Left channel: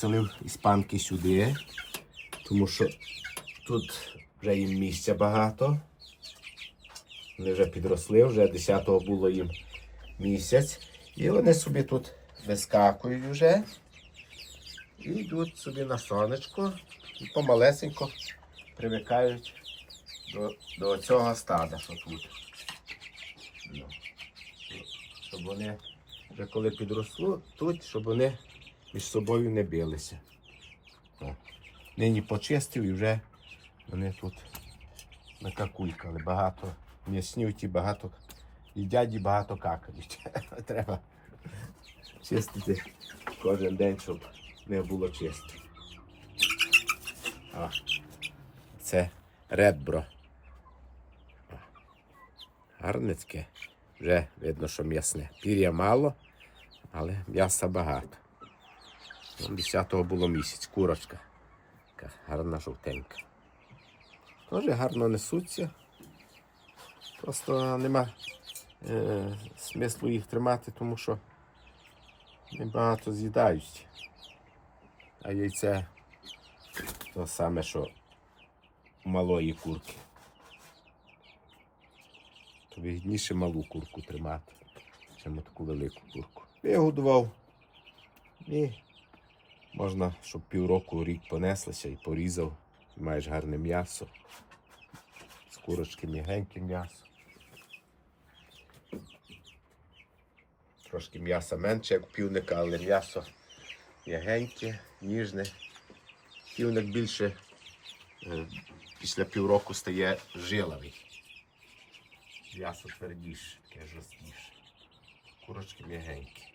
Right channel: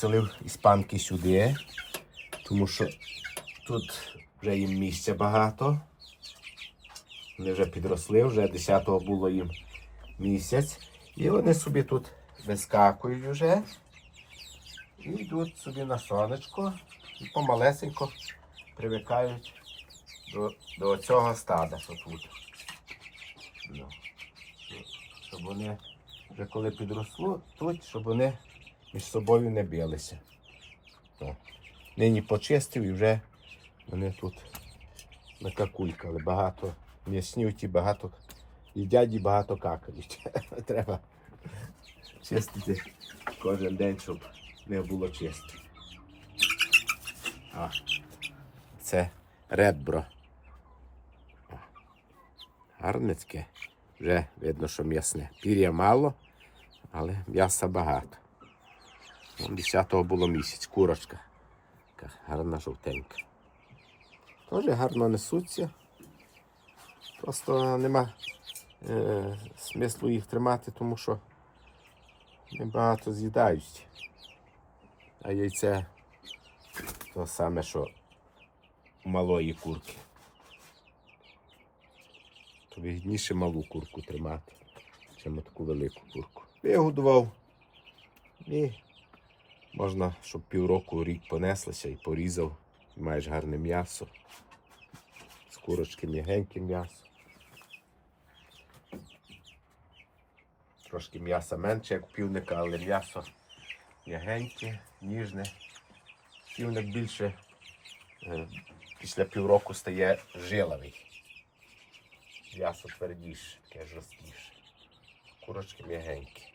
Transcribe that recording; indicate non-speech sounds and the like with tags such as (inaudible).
Селив іспанки сюди, тому що тут вже їм місця багато. Вони вже підросли, вже 10-го було їм місяць. І вони собі тут вискакують вже. І йдуть собі на сонечко і помалесенько привикають до, до цього стада, що тут. Ну, Щоб вони вже коли підросло тут, щоб вони між собою не билися. Нині почистив і вже вони тут накакулькали. Багато м'яснюють і багато їдять і багато какають. (laughs) Треба чистити кожен день, щоб не було чисто. А, це ребро. Гарне таке. Вже видно, що м'ясне. Пір'я мало, але м'яса багато. Вон 10-го було місяць, курочка. Така гарна жовтенька. Теж гарно несуться. Просто нема е, смислу їх тримати, тому що небагато з'їдають. А яйце то саме, що у малої курки. То вигідніше малу курку тримати, чим таку велику курку. Вигодував. І можна, щоб півроку рік понеслися і порізав. Маєш гарне м'ясо. З курочки м'ягеньке м'ясо. Трошки м'яса менше, як півника, але м'ясо м'ягеньке, ніжне. Півник більше е, після півроку стає жиловий. М'ясо твердіше, таке жорсткіше. Курочки м'ягенькі.